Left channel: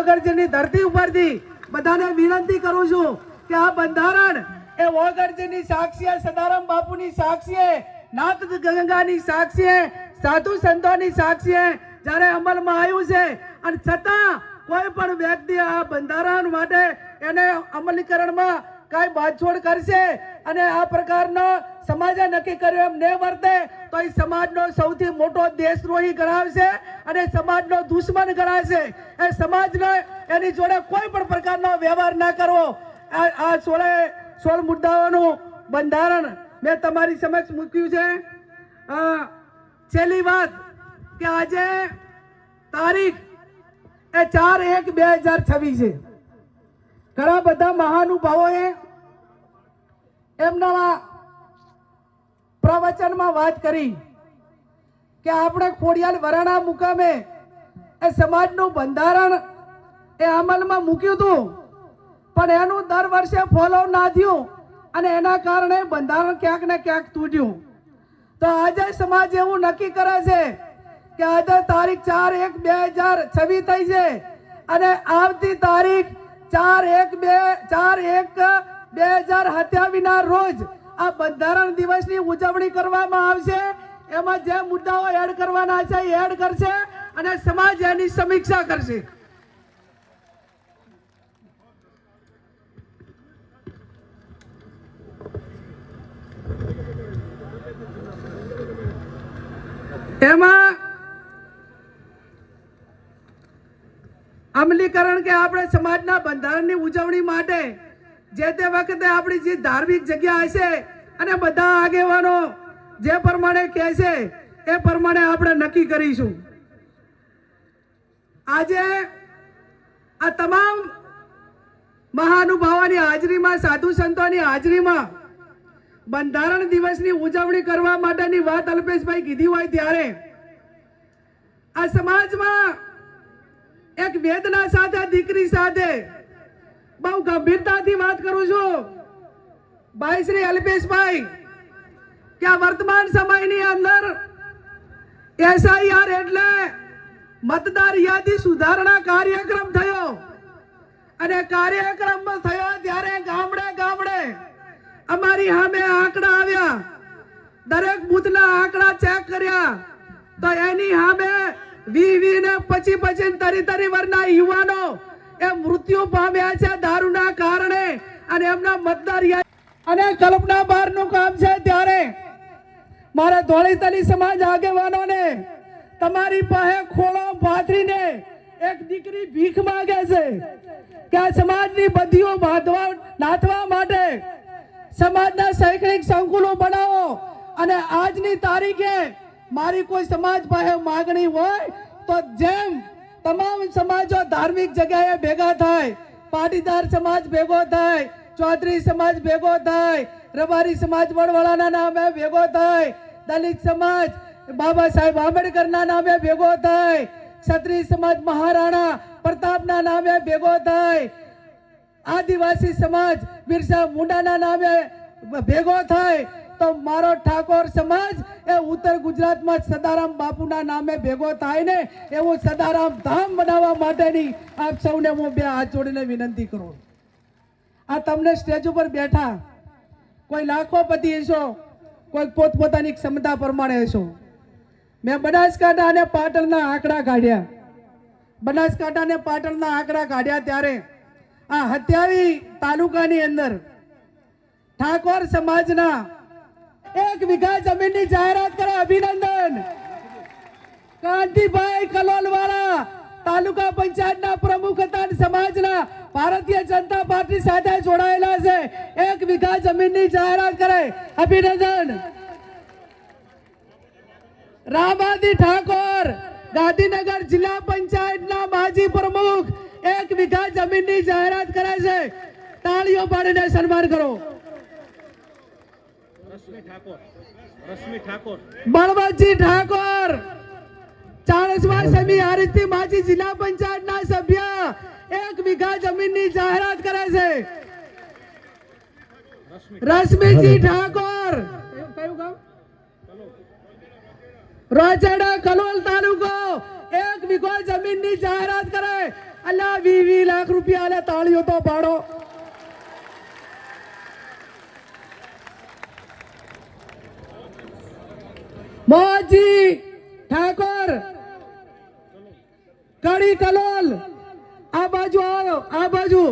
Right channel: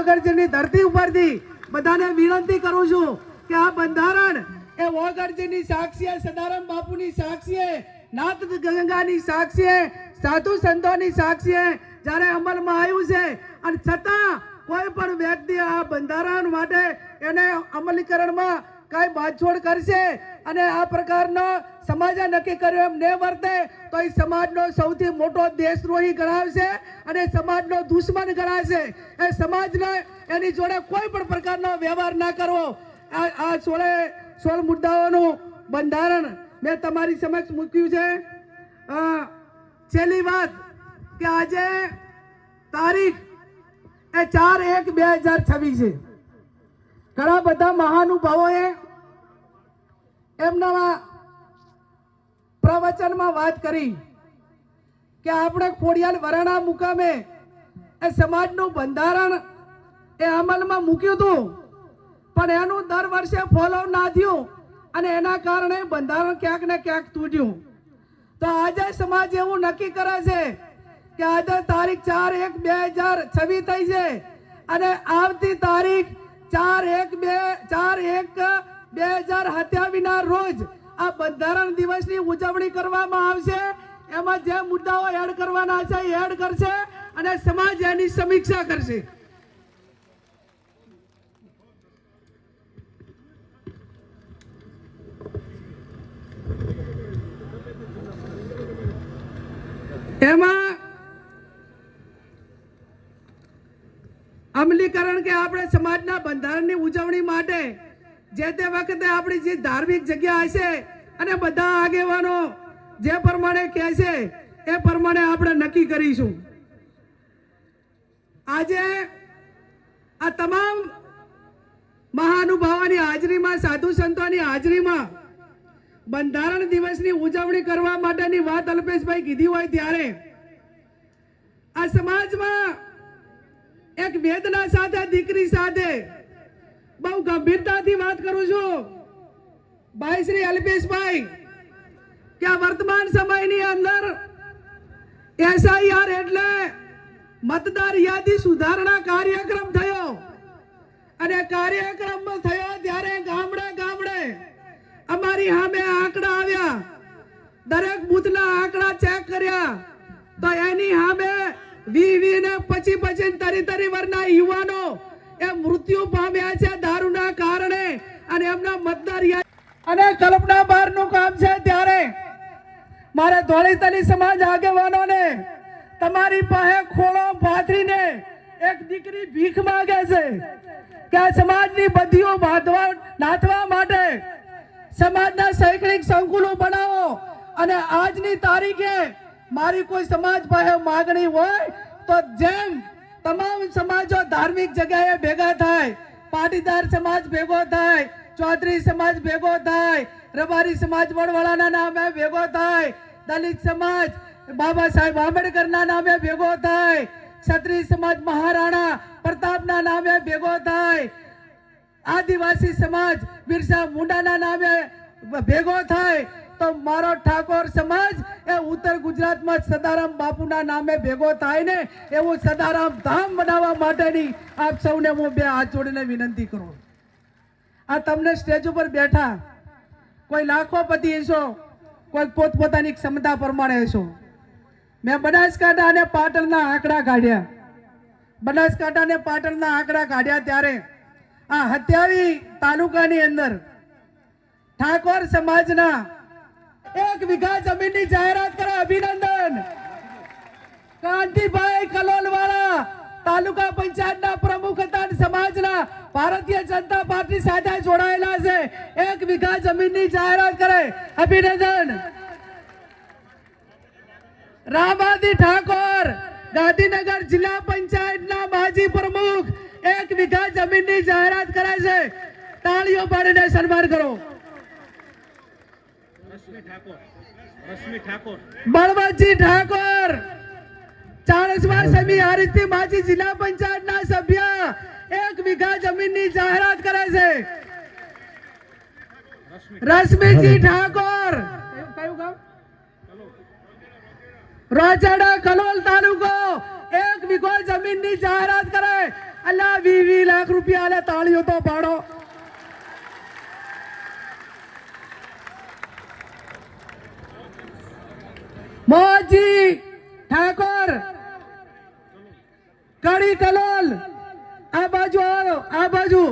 ઓગળજીની ધરતી ઉપરથી બધાને વિનંતી કરું છું કે આ બંધારણ એ વોગરજીની સાક્ષીએ, સદારામ બાપુની સાક્ષીએ નાથ ગંગાની સાક્ષીએ, સાધુ સંતોની સાક્ષીએ જ્યારે અમલમાં આવ્યું છે. અને છતાં કોઈ પણ વ્યક્તિ આ બંધારણ માટે એને અમલીકરણમાં કાંઈ બાંધછોડ કરશે અને આ પ્રકારનો સમાજે નક્કી કર્યું એમ ને વર્તે, તો એ સમાજનો સૌથી મોટો દેશદ્રોહી ગણાવશે અને સમાજનો દુશ્મન ગણાશે. એ સમાજને એની જોડે કોઈ પણ પ્રકારનો વ્યવહાર ના કરવો. આ સોળે, સોળ મુદ્દાઓનું બંધારણ મેં તમારી સમક્ષ મૂક્યું છે. છેલ્લી વાત કે આજે તારીખ એ ચાર એક બે હજાર છવ્વીસ છે. ઘણા બધા મહાનુભાવોએ એમના પ્રવચનમાં વાત કરી કે આપણે ખોડિયાલ વરાણા મુકામે એ સમાજનું બંધારણ એ અમલમાં મૂક્યું હતું. પણ એનું દર વર્ષે ફોલો ના થયું અને એના કારણે બંધારણ ક્યાંક ને ક્યાંક તૂટ્યું. તો આજે સમાજ એવું નક્કી કરે છે કે આજે તારીખ ચાર એક બે હજાર છવ્વીસ થઈ છે અને આવતી તારીખ ચાર એક બે, ચાર એક, બે હજાર સત્યાવીસના રોજ આ બંધારણ દિવસની ઉજવણી કરવામાં આવશે. એમાં જે મુદ્દાઓ એડ કરવાના છે એ એડ કરશે અને સમાજ એની સમીક્ષા કરશે. એમાં અમલીકરણ કે આપણે સમાજના બંધારણની ઉજવણી માટે જે તે વખતે આપણી જે ધાર્મિક જગ્યા હશે અને બધા આગેવાનો જે પ્રમાણે કહેશે એ પ્રમાણે આપણે નક્કી કરીશું. આજે આ તમામ મહાનુભાવોની હાજરીમાં, સાધુ સંતોની હાજરીમાં બંધારણ દિવસની ઉજવણી કરવા માટેની વાત અલ્પેશભાઈ કીધી હોય ત્યારે આ સમાજમાં એક વેદના સાથે દીકરી સાથે. બહુ ગંભીરતાથી વાત કરું છું. ભાઈ શ્રી અલ્પેશભાઈ, કે વર્તમાન સમયની અંદર એસઆઈઆર એટલે મતદાર યાદી સુધારણા કાર્યક્રમ થયો. અને કાર્યક્રમ થયો ત્યારે ગામડે ગામડે અમારી સામે આંકડા આવ્યા. દરેક બુથના આંકડા ચેક કર્યા. તો એની સામે વી વી ને પછી પછી તરી તરી વરના યુવાનો એ મૃત્યુ પામ્યા છે દારૂના કારણે અને એમના મતદાર અને કલ્પના બહારનું કામ છે ત્યારે મારા ધોળીતલી સમાજ આગેવાનોને તમારી પાસે ખોળો પાથરીને એક દીકરી ભીખ માંગે છે કે સમાજની બધીઓ બાંધવા નાથવા માટે સમાજના શૈક્ષણિક સંકુલો બનાવો અને આજની તારીખે મારી કોઈ સમાજ પાસે માગણી હોય તો જેમ તમામ સમાજો ધાર્મિક જગ્યાએ ભેગા થાય, પાટીદાર સમાજ ભેગો થાય, ચૌધરી સમાજ ભેગો થાય, રબારી સમાજ વડવાળાના નામે ભેગો થાય, દલિત સમાજ બાબા સાહેબ આંબેડકરના નામે ભેગો થાય, ક્ષત્રિય સમાજ મહારાણા પ્રતાપના નામે ભેગો થાય, આદિવાસી સમાજ બિરસા મુંડાના નામે ભેગો થાય તો મારો ઠાકોર સમાજ એ ઉત્તર ગુજરાતમાં સદારામ બાપુના નામે ભેગો થાય ને એવું સદારામ ધામ બનાવવા માટેની આપ સૌને હું બે હાથ જોડીને વિનંતી કરું. આ તમને સ્ટેજ ઉપર બેઠા કોઈ લાખોપતિ હશો, કોઈ પોતપોતાની ક્ષમતા પ્રમાણે હશો. મેં બનાસકાંઠા અને પાટણના આંકડા કાઢ્યા. બનાસકાંઠા અને પાટણના આંકડા કાઢ્યા ત્યારે આ હત્યાવી તાલુકાની અંદર ઠાકોર સમાજના એક વીઘા જમીનની જાહેરાત કરે અભિનંદન. કાંતિભાઈ કલોલવાળા તાલુકા પંચાયતના પ્રમુખ હતા સમાજના ભારતીય જનતા પાર્ટી સાથે જોડાયેલા છે. એક વીઘા જમીનની જાહેરાત કરે. અભિનંદન. રામાદી ઠાકોર, ગાંધીનગર જિલ્લા પંચાયતના માજી પ્રમુખ, એક વીઘા જમીનની જાહેરાત કરે છે. તાળીઓ પાડીને સન્માન કરો રશ્મિ ઠાકોર રશ્મિ ઠાકોર બળવંતજી ઠાકોર! ચાણસમા સમી હારીજથી માજી જિલ્લા પંચાયતના સભ્ય એક વીઘા જમીનની જાહેરાત કરે છે. રશ્મિજી ઠાકોર! રોજડા કલોલ તાલુકો એક વીઘો જમીનની જાહેરાત કરે. અલ્લાહ વી લાખ રૂપિયા તાળીઓ તો પાડો. મોહજી ઠાકોર કડી તલોલ આ બાજુ આવો આ બાજુ.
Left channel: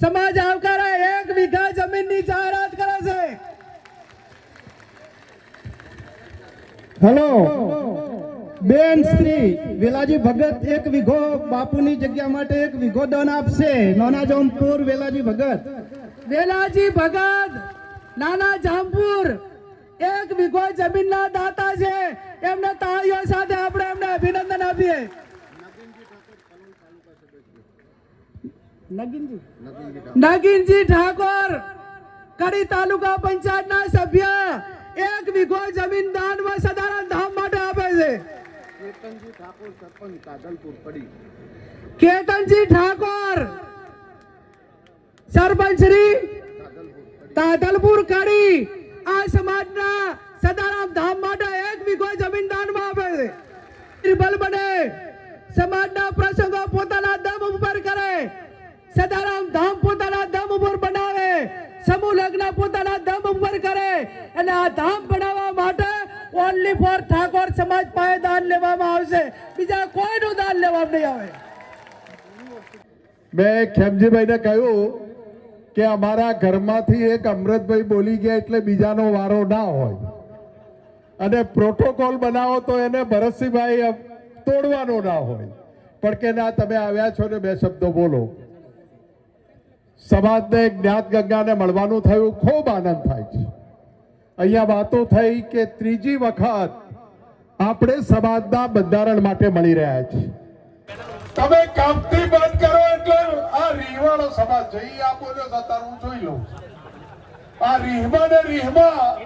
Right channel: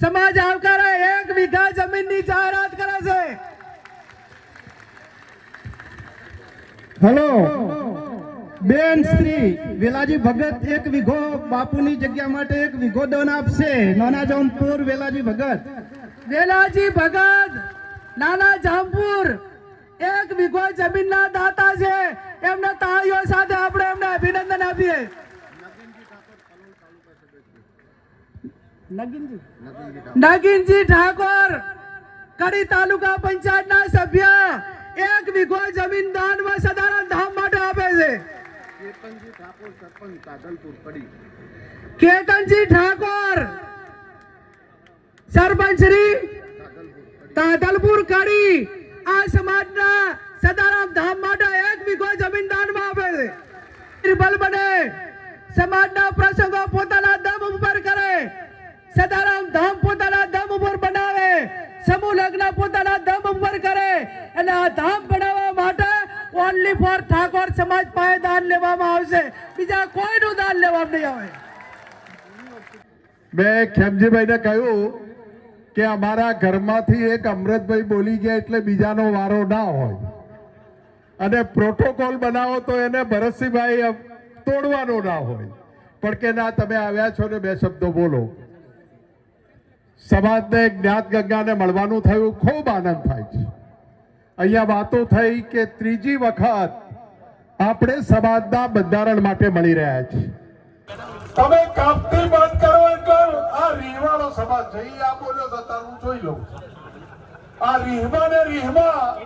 સમાજ આવકારે એક વીઘા જમીનની જાહેરાત કરે છે. હેલો. બેન શ્રી વેલાજી ભગત એક વીઘો બાપુની જગ્યા માટે એક વીઘો દાન આપશે. નાના જામપુર વેલાજી ભગત. વેલાજી ભગત નાના જામપુર. એક વીઘો જમીનના દાતા છે. એમને તાળીઓ સાથે આપણે એમને અભિનંદન આપીએ. નગીનજી. નગીનજી ઠાકોર કડી તાલુકા પંચાયતના સભ્ય એક વીઘો જમીન દાનમાં સદારણ ધામ માટે આપે છે. કેતનજી ઠાકોર સરપંચ શ્રી તાદલપુર કડી સમાજના સદારામ ધામ માટે એક વીઘો જમીન દાનમાં આપે છે. નિર્બલ બને. સમાજના પ્રસંગો પોતાના દમ ઉપર કરે. સદારામ ધામ પોતાના દમ ઉપર બનાવે. સમૂહ લગ્ન પોતાના દમ ઉપર કરે. અને આ ધામ બનાવવા માટે ઓનલી ફોર ઠાકોર સમાજ પાસે દાન લેવામાં આવશે. બીજા કોઈનું દાન લેવામાં નહીં આવે. મેં ખેમજીભાઈને કહ્યું કે અમારા ઘરમાંથી એક અમૃતભાઈ બોલી ગયા એટલે બીજાનો વારો ના હોય. અને પ્રોટોકોલ બનાવો તો એને ભરતસિંહભાઈ તોડવાનો ના હોય. પણ કે ના, તમે આવ્યા છો ને બે શબ્દો બોલો. સમાજને જ્ઞાત ગંગાને મળવાનું થયું, ખૂબ આનંદ થાય છે. અહીંયા વાતો થઈ કે ત્રીજી વખત આપણે સમાજના બંધારણ માટે મળી રહ્યા છીએ. તમે કાપથી બંધ કરો. રીહવાળો સમાજ છે ઈ આ છે હું જોઈ લઉં આ રીહમા ને રીહમા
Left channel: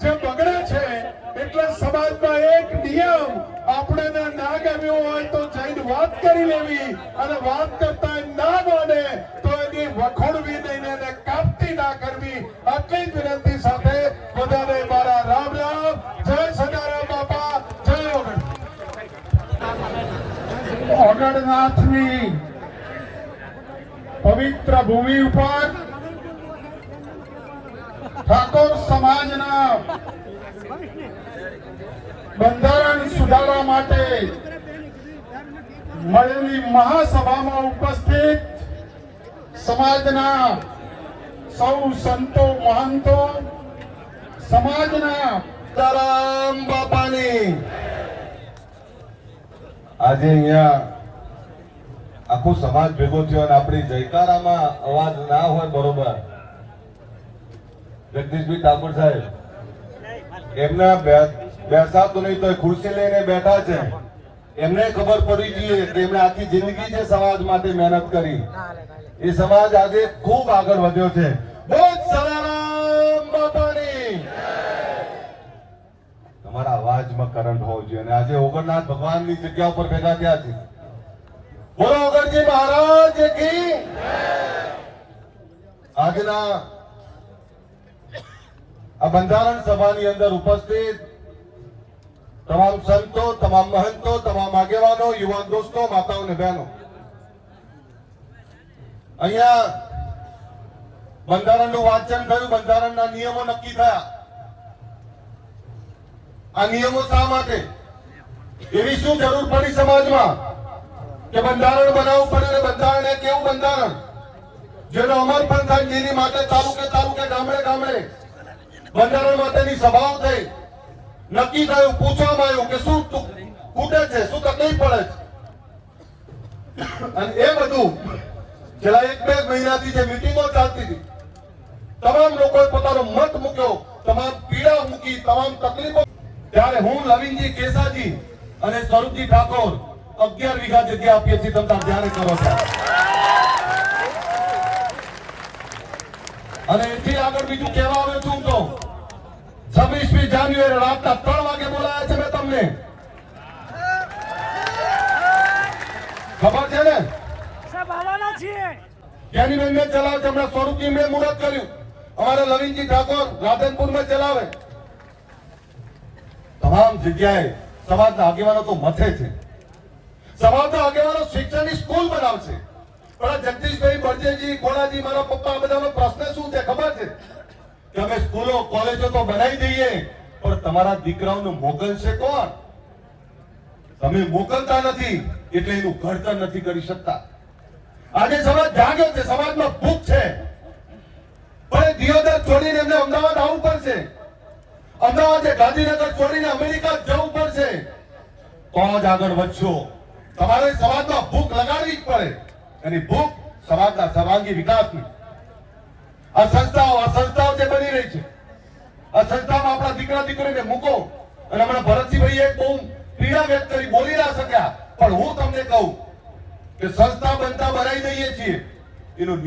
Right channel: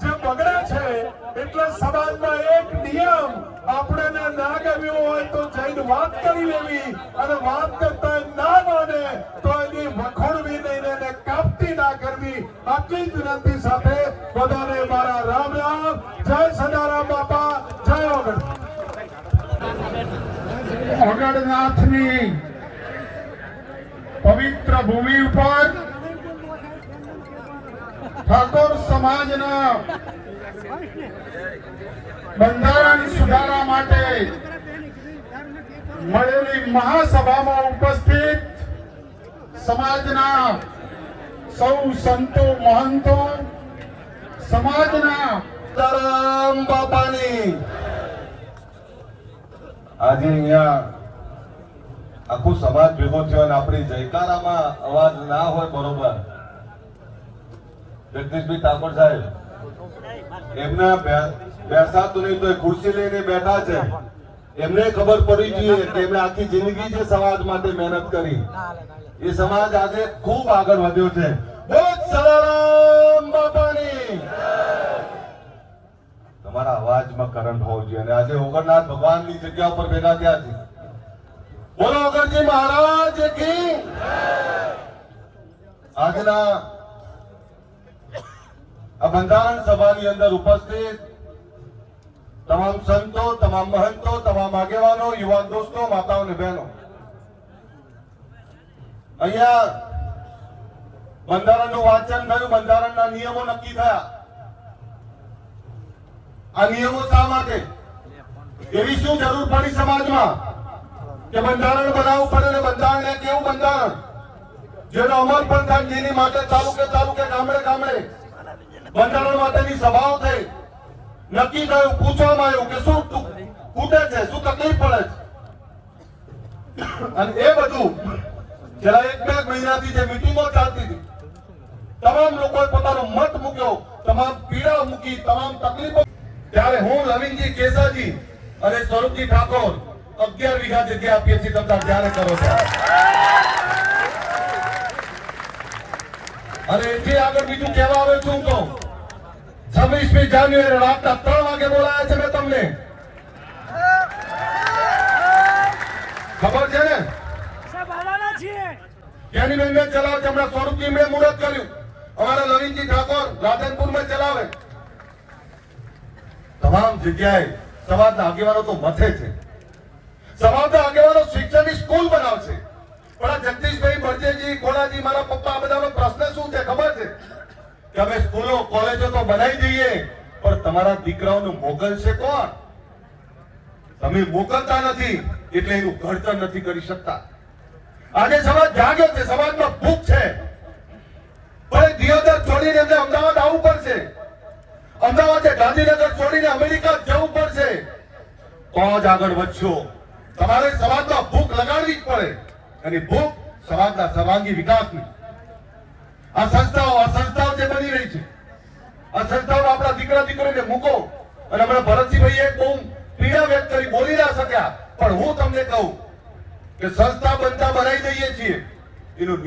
જે બગડે છે, એટલે સમાજમાં એક નિયમ આપણે ના ગમ્યો હોય તો જઈને વાત કરી લેવી અને વાત કરતા ના માને તો એની વખોડવી નહીં એને કાપતી ના કરવી. આટલી જ વિનંતી સાથે બધાને મારા રામ રામ. જય સદારામ બાપા. જય ઓગણ. અગરનાથની પવિત્ર ભૂમિ ઉપર ઠાકોર સમાજના બંધારણ સુધારવા માટે મળેલી મહાસભામાં ઉપસ્થિત સમાજના સૌ સંતો, મહંતો, સમાજના સીતારામ બાપાની. આજે અહીંયા આખું સમાજ ભેગો થયો અને આપણી જયકારામાં અવાજ ના હોય બરોબર. જગદીશભાઈ ઠાકોર સાહેબ, એમને બેસાતું નહીં તો ખુરશી લઈને બેઠા છે. એમને ખબર પડી જોઈએ કે એમણે આખી જિંદગી જે સમાજ માટે મહેનત કરી. એ સમાજ આજે ખૂબ આગળ વધ્યો છે. તમારા અવાજમાં કરંટ હોવો જોઈએ અને આજે ઓગણનાથ ભગવાનની જગ્યા ઉપર ભેગા થયા છે. બોલો ઓગણજી મહારાજ કી આજના આ બંધારણ સભાની અંદર ઉપસ્થિત તમામ સંતો, તમામ મહંતો, તમામ આગેવાનો યુવાન દોસ્તો, માતાઓ અને બહેનો. અહીંયા બંધારણનું વાંચન થયું, બંધારણના નિયમો નક્કી થયા. આ નિયમો શા માટે? એવી શું જરૂર પડી સમાજમાં? કે બંધારણ બનાવવું પડે ને બંધારણ એક એવું બંધારણ? જેનો અમલ પણ થાય જેની માટે તાલુકે તાલુકે, ગામડે ગામડે બંધારણ માટેની સભાઓ થઈ. નક્કી થયું, પૂછવામાં આવ્યું કે શું ખૂટે છે, શું તકલીફ પડે છે? અને એ બધું જરા એક બે મહિનાથી જે મિટિંગો ચાલતી હતી, તમામ લોકોએ પોતાનો મત મૂક્યો, તમામ પીડા મૂકી, તમામ તકલીફો. ત્યારે હું નવીનજી કેસાજી અને સ્વરૂપજી ઠાકોર અગિયાર વીઘા જગ્યા આપીએ છીએ તમે ત્યારે કરો અને એથી આગળ બીજું કહેવા આવે છું તો છવ્વીસમી જાન્યુઆરી રાતના ત્રણ વાગે બોલાયા છે મેં તમને. ખબર છે ને? જ્ઞાની મેં ચલાવે છે હમણાં સ્વરૂપજી મેં મુહૂર્ત કર્યું. અમારે લવિનજી ઠાકોર રાધનપુરમાં ચલાવે. તમામ જગ્યાએ સમાજના આગેવાનો તો મથે છે. સમાજના આગેવાનો શિક્ષણની સ્કૂલ બનાવશે. ભરતજી કોણાજી મારા પપ્પા, આ બધાનો પ્રશ્ન શું છે ખબર છે? કે અમે સ્કૂલો, કોલેજો તો બનાવી દઈએ, પણ તમારા દીકરાઓનું મોકલશે કોણ? તમે મોકલતા નથી, એટલે એનું ઘડતર નથી કરી શકતા. આજે સમાજ જાગ્યો છે, સમાજમાં ભૂખ છે. પણ દિયોદર છોડીને એમને અમદાવાદ આવવું પડશે. અમદાવાદ ગાંધીનગર છોડીને અમેરિકા જવું પડશે. તો જ આગળ વધશો. તમારે સમાજમાં ભૂખ લગાડવી જ પડે. અને ભૂખ સમાજના સર્વાંગી વિકાસની. આ સંસ્થાઓ આ સંસ્થાઓ જે બની રહી છે. આ સંસ્થાઓમાં આપણા દીકરા દીકરીને મૂકો. અને હમણાં ભરતસિંહભાઈ એક બહુ પીડા વ્યક્ત કરી, બોલી ના શક્યા. પણ હું તમને કહું કે સંસ્થા બનતા બનાવી દઈએ છીએ. એનું